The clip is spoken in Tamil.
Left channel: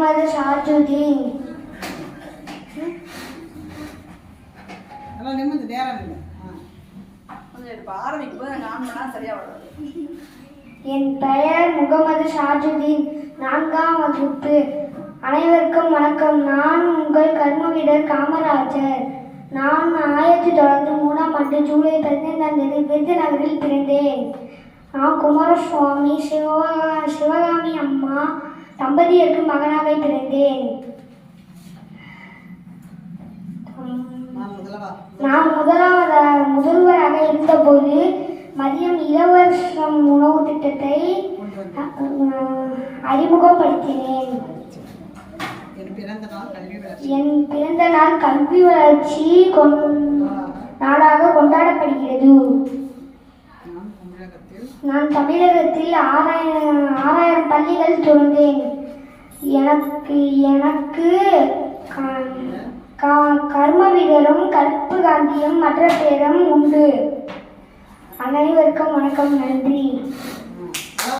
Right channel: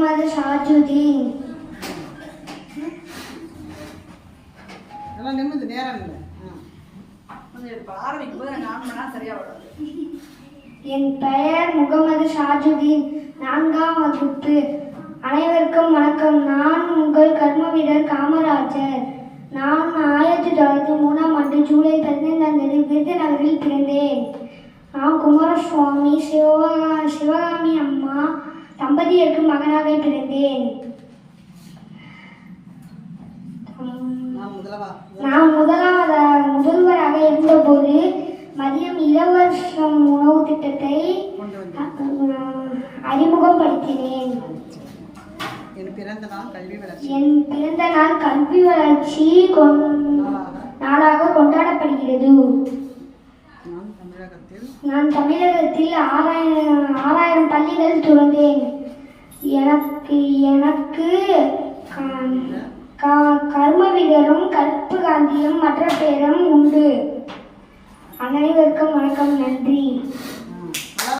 முகமது ஷாஜுதீன் நல்லா நிமிந்து நேரம் என் பெயர் முகமது ஷாஜுதீன் நான்காம் வகுப்பு அனைவருக்கும் வணக்கம் நான் உங்கள் கர்மவீரர் காமராஜர் நான் ஆயிரத்தி தொள்ளாயிரத்தி மூணாம் ஆண்டு ஜூலை பதினைந்தாம் தேதி விருதுநகரில் பிறந்தேன் நான் குமாரசுவாமி சிவகா அம்மா தம்பதியருக்கு மகனாக பிறந்தேன். நான் முதலவா நான் முதலாவத முதல்வராக இருந்தபோது மதியம் இலவசம் உணவு திட்டத்தை அறிமுகப்படுத்தினேன் என் பிறந்த நாள் கல்வி வளர்ச்சி. நாளாக கொண்டாடப்படுகிறது. நான் தமிழகத்தில் நான் தமிழகத்தில் ஆறாயிரம் ஆறாயிரம் பள்ளிகள் துறந்தேன். எனக்கு எனக்கு க- க- கற்பு காந்தியும் மற்ற பேரும் உண்டு. அனைவருக்கும் வணக்கம் நன்றி.